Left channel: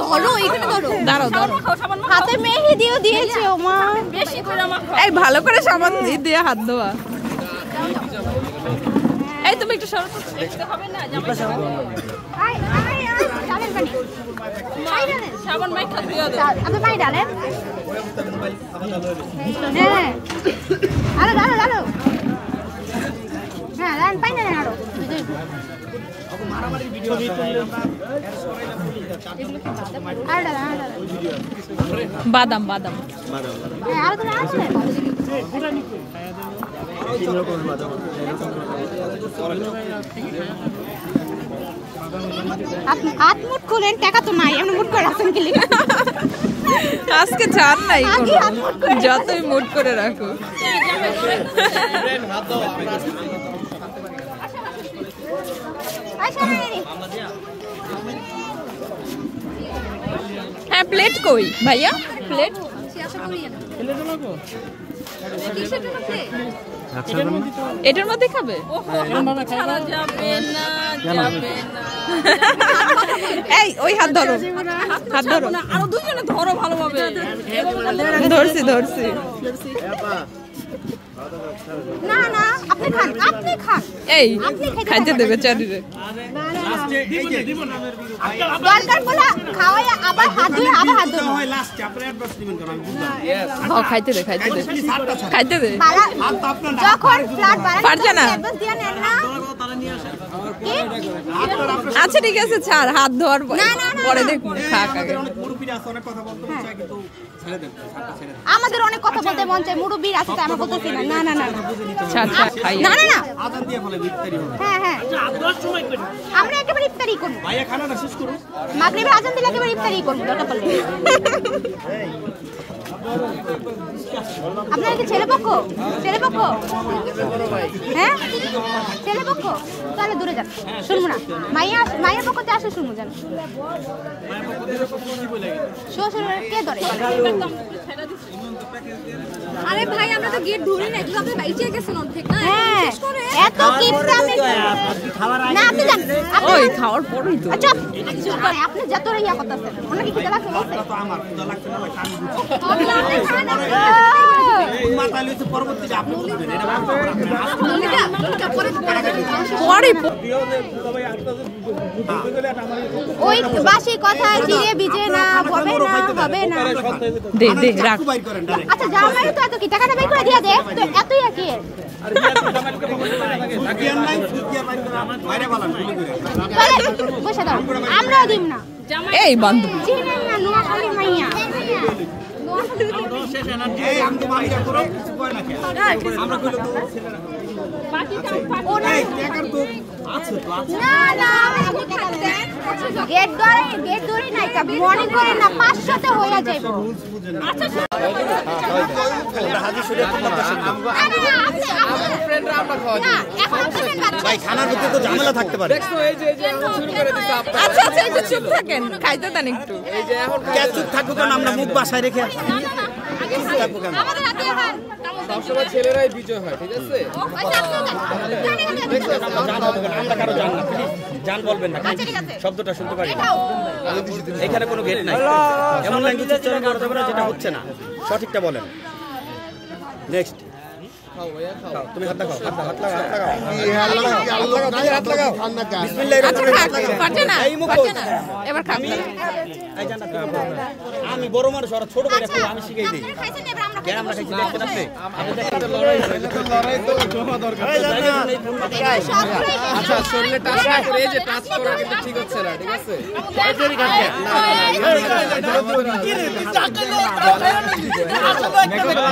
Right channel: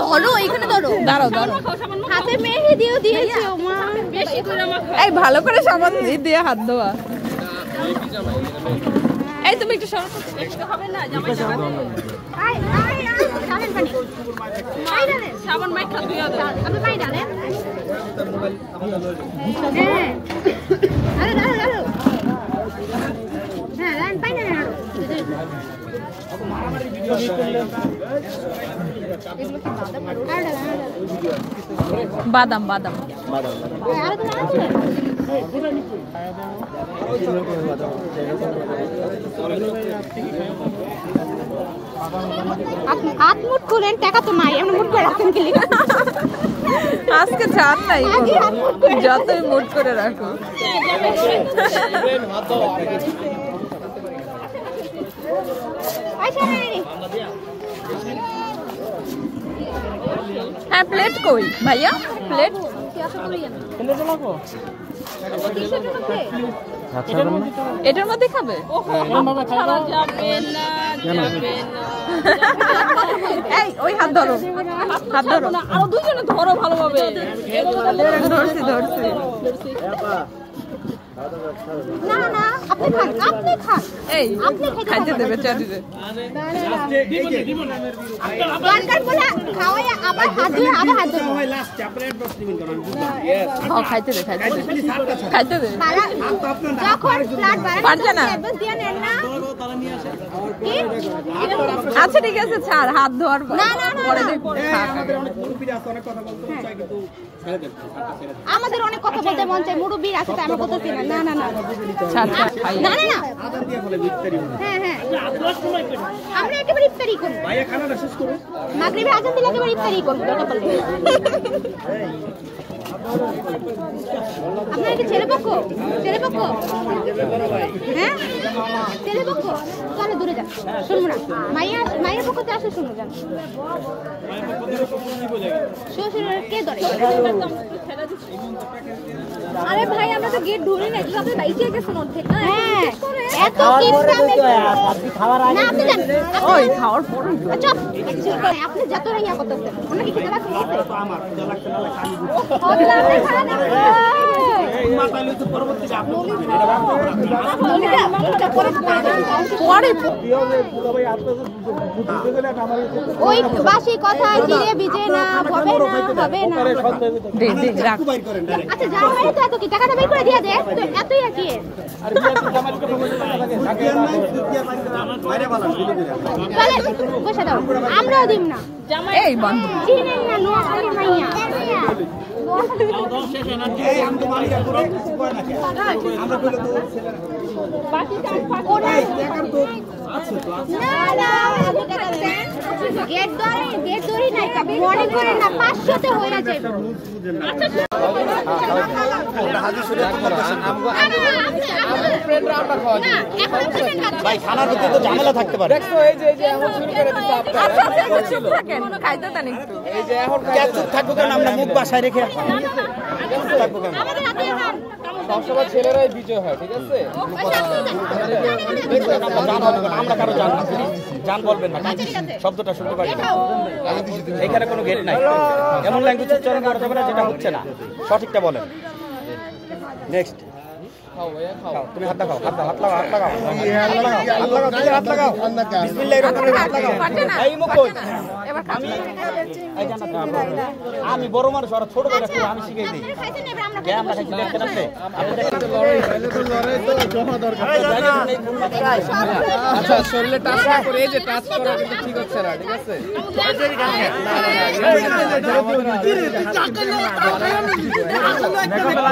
ধরো এখানে ধরো দাঁড়াও দাঁড়াও হাতে মেহেদি দিয়েও দিয়েছে ওমা এই ভালো করে সাবান দিয়ে হাত ধোয়া এই তুমি একটু সরো দেখতে হবে না জামাই সাবান আই আই ডালেন পানি আই ডালেন সাবান মাই খাতে আমি মাই ডালেন হ্যাঁ আরে ডালো ডালো হ্যাঁ ডালেন পানি ডালেন আরো মারামারি ভিডিও করলে এগুলো কি বাদাম বাদাম আর তুমি আসবে হাত মুট খুলেন টাকা তো নাই এমন মুট করে রাখছেন কি আজকে জান নাই কোনো যতই মুট করে রাখো হ্যাঁ প্লেট কই ভাইয়া প্লেট এটার মধ্যে খাবে এই ওই হাত ধরো হাত ধরো আরো দুজনে ধরো ভালোভাবে ধরছি ধরছি না না আপনি খান এই খাইতে দেবে চাটুরে দরকার বলে খাওয়ায়া আবার হাত ধরে আবার হাত ধরে হয় লাস্টে আপনি অ্যাডভান্স দিবেন কেন খাইতে দে খাইতে দে যখন ফ্ল্যাট পারছে না অ্যাডভান্স দিয়ে নেন না আচ্ছা ঠিক আছে ছাড় হাত ধর পরে দেখুন খাক আগে মুরব্বিরা আছে অনেক কথা বলতে চাই কিন্তু ছেড়ে দেন আমাদের অনেক কথা বলতে মন চাই মুরব্বির আছে আমি বলতেছি না না না ছাড় খাই না না না আজান দিয়ে বলে ইফতারি হ্যাঁ হ্যাঁ আজান সময় করি আমরা একেবারে ইফতারি করব ভাইয়া খানাটা শেষ করুন মাগরিবে আজান দিলে একেবারে ইফতারি করব ওটা বলে আপনার কি ছেলে পক্ষ হ্যাঁ ছেলে পক্ষ তাহলে দূরে যান শুনবো না মায়ের পক্ষতে আসলে শুনবো যান শ্বশুরের কে ধরে আরে ভাই আমরা তো গেট ধরি না কিভাবে বাইচে গেছেন ওর থেকে শেষ করে এত খাওয়ার আগে না আপনি যান ওই খাওয়ার পরেই তো আচ্ছা এটা কিছু করে আপনি যত রাইয়া করতেছেন আমরা কি খিদা লাগছে মাতালে তো পরবর্তীতে আপনি ওই বাসি কথা জিরে বিজে না হবে না দে রাখ আচ্ছা জামাই তো এত কি টাকাটা বের করে দিয়া দে তো এতই কি আর বিয়ার নাই সুদিয়া বাইর করে আমার বাইরে বলা বুঝছ না আমরাও দিম না জামাই এই বন্ধ জিরে না নোয়া খালি মাইয়া শেষে না যে আমি মাইরা পুরো কই না আমরা বলে তো বাকি কাম ওরে টাকার তো আছে না না গেট ধরে নাই কবি মর্নিং করে না 500 তে হইয়া যায় রুলস বুঝেন আচ্ছা হাজি শুরু করতেছেন ফ্রেন্ডরা আমরা খাওয়া ভাই খানা দিতে তো ঝামেলা থাকতে পারে দেখো এই যে এখন শুরু করে দিতে আপনি আচ্ছা একটু চুপ থাকেন খাইতে দেন একটু এই যে এখন চুপ থাকবো কারণ আমরা মুখ বাসায় রেখে চুপ থাকবো কেন সবসময় ছেলেরাই বিজয় হয় ঠিক আছে আমরা কারো জান বলবেন না শব্দটা শুনতে পারি না এখানে কোনো গেট নাই এমন ল্যাঙ্গুয়েজ উচ্চারণ করতে পারে যেটা হচ্ছে না সঠিকটা বলেন নেক্সট তুমি হাত লাগাও বিসমিল্লাহির রহমানির রহিম এই মুখ এবার আমি বড় মানুষ আর ছোট ভাই আমি শিখাই দেই কে আমরা খাইছি দেখতে আছে লড়াই তো জমা দরকার আচ্ছা শরীরে টাচ করে এই যে টাচ করা কিন্তু ঠিক হচ্ছে না ঠিক আছে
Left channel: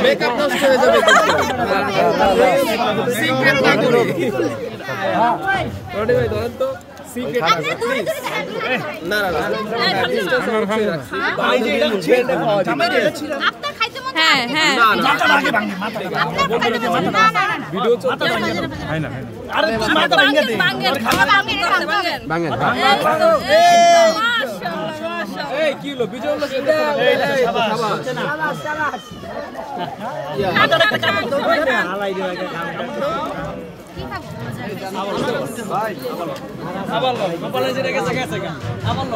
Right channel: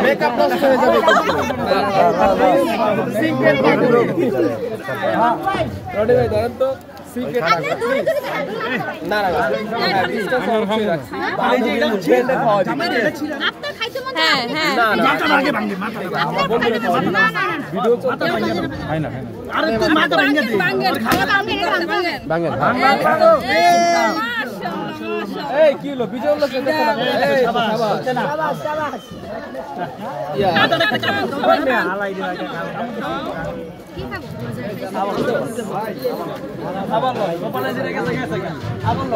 মেকআপ নষ্ট হয়ে যাবে সিক্রেট কাটলো হ্যাঁ ওরে ভাই ধরেন তো সিক্রেট না না ভাই এটা ছেড়ে খাওয়া যাবে আপনি খাইতে মন হ্যাঁ হ্যাঁ না না আগে ভাঙি মাথা ভিডিও চলতে খাই না আরে তুই মাথা ভাঙে দে ভাঙে এই কি হলো বিজয় লোক শাবাশ ইয়া মাথাটা হালাই দিও কি খাবো আবার গোপালের যেটা গেছে আবার